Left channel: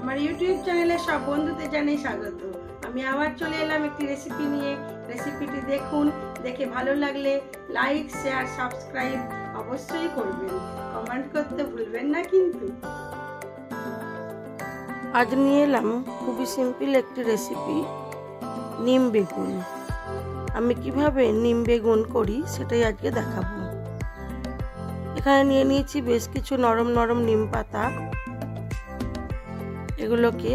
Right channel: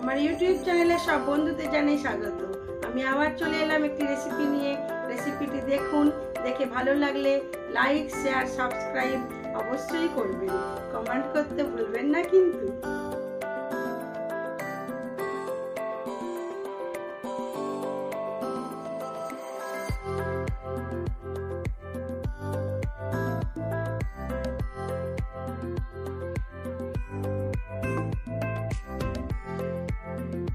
আমার ইউটিউব চ্যানেলে সব বন্ধুদের জানাই স্বাগত। আমি আবার চলে এলাম একটি রেসিপি নিয়ে। রেসিপিটি দেখুন, দেখে ভালো লাগলে লাইক, শেয়ার, সাবস্ক্রাইব অবশ্যই করবেন। কমেন্ট করতে ভুলবেন না কিন্তু। আজ নিয়ে এলাম খুবই সিম্পল একটি রেসিপি, নিম বেগুন। আমি কিভাবে নিম বেগুন করি সেটাই আজকে দেখাবো। এখানে নিয়ে নিয়েছি বেশ কিছু নরম নরম নিম পাতা। এগুলোকে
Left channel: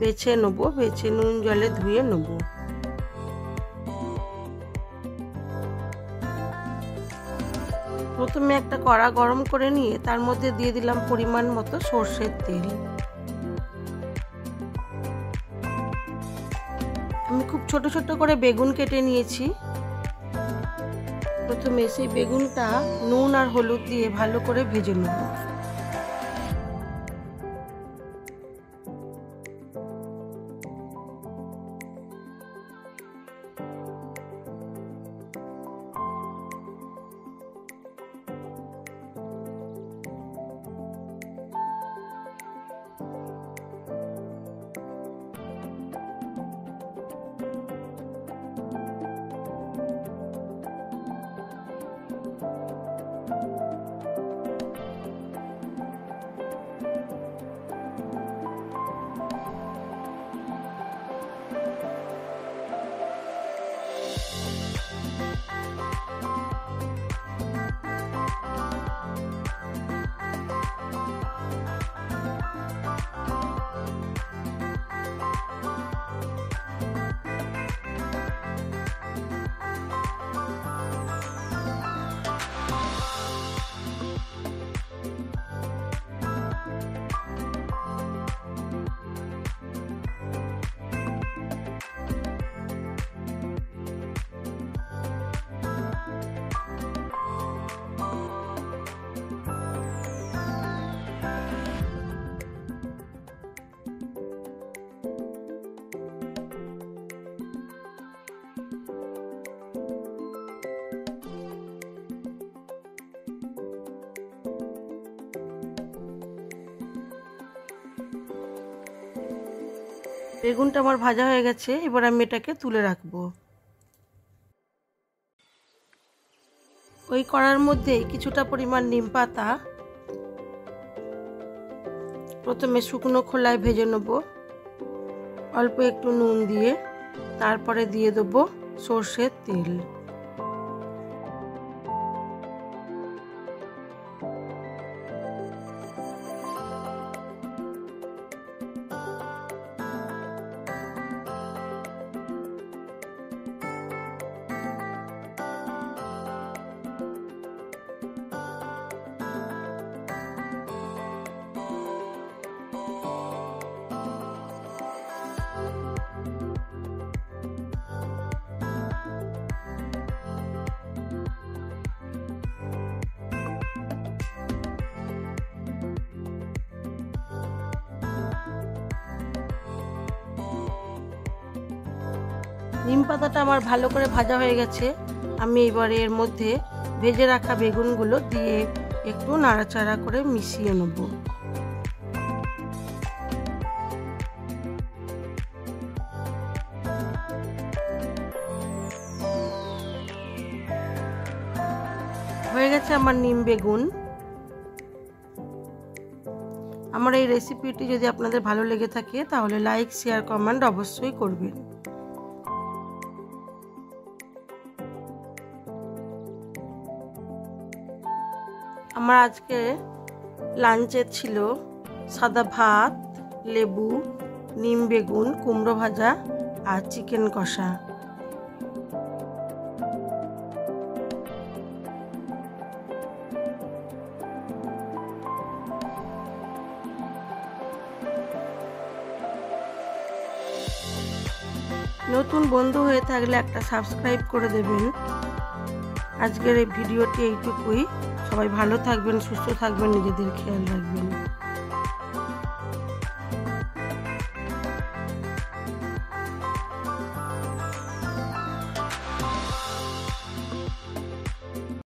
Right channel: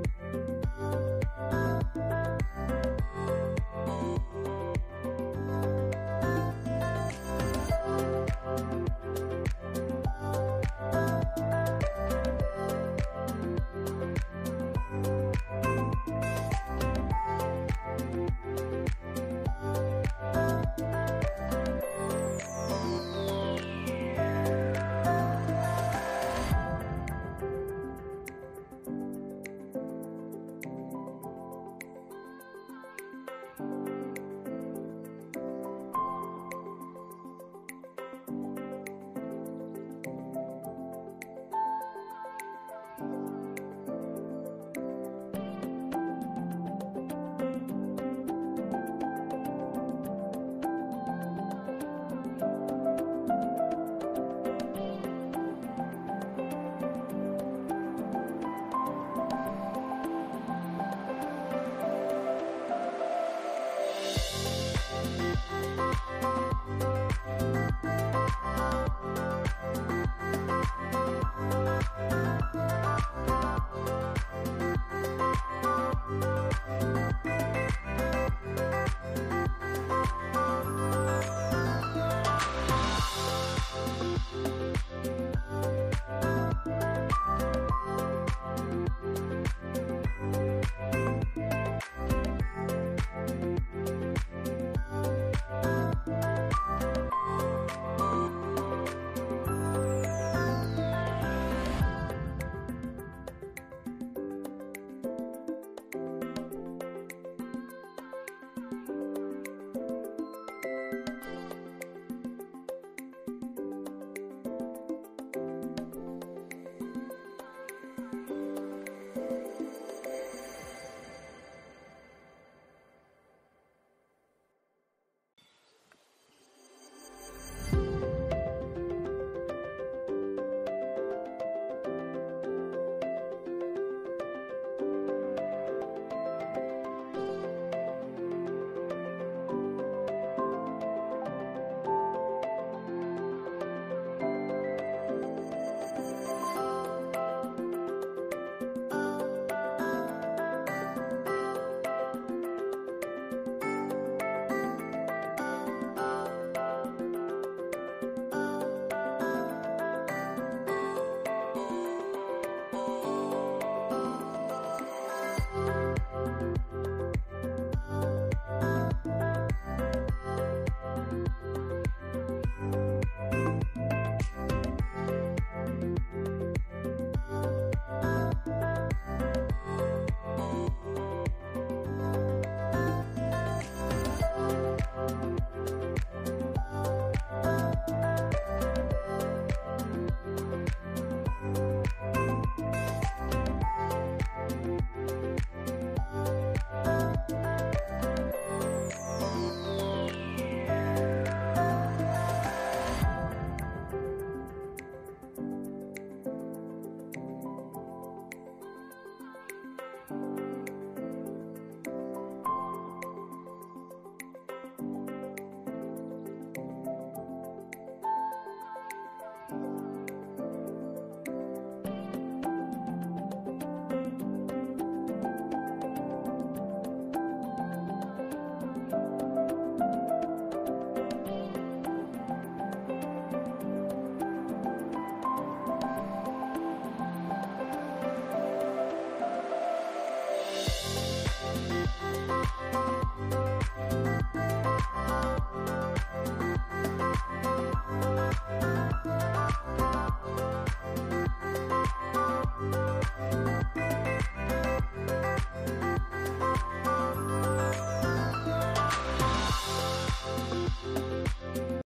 বেছে নেবো, বেছে নুন জলে ধুয়ে নেব। প্রথমে একটা কড়া গরম করে নিয়ে তার মধ্যে দিয়ে দিলাম পরিমাণ মতো সর্ষের তেল। আমি খুব ছোট ছোট করে বেগুন কেটে নিয়েছি। প্রথমে সেই বেগুনটা নুন আর হলুদ দিয়ে ভালো করে ভেজে নেব। বেগুনটা আমার ভাজা হয়ে গেছে, এবার আমি এটাকে তুলে রাখবো। ওই কড়ার মধ্যে কিছুটা পরিমাণ নিম পাতা প্রথমে শুকনো খোলায় ভেজে নেব, অল্প একটু নুন দিয়ে। তারপরে দিয়ে দেবো সর্ষের তেল। নিম পাতাটা আমার ভালো করে ভাজা হয়ে গেছে। আমি এবারে এর মধ্যে ভেজে রাখা বেগুনগুলো দিয়ে একটু নাড়াচাড়া করে মিশিয়ে নেব। হয়ে গেছে আমার নিম বেগুন। আমার এই রেসিপিটি যদি আপনাদের ভালো লেগে থাকে তাহলে লাইক, শেয়ার, কমেন্ট অবশ্যই করবেন। আমার আজকে লাঞ্চে ছিল সাদা ভাত, লেবু, নিম বেগুন, কুমড়ো ভাজা আর চিকেন কষা। নতুন বন্ধু হয়ে থাকলে একটা সাবস্ক্রাইব করে দেবেন। আজকের এই ভিডিওটি এইটুকুই। সবাই ভালো থাকবেন, সুস্থ থাকবেন, নিজেদের খেয়াল রাখবেন।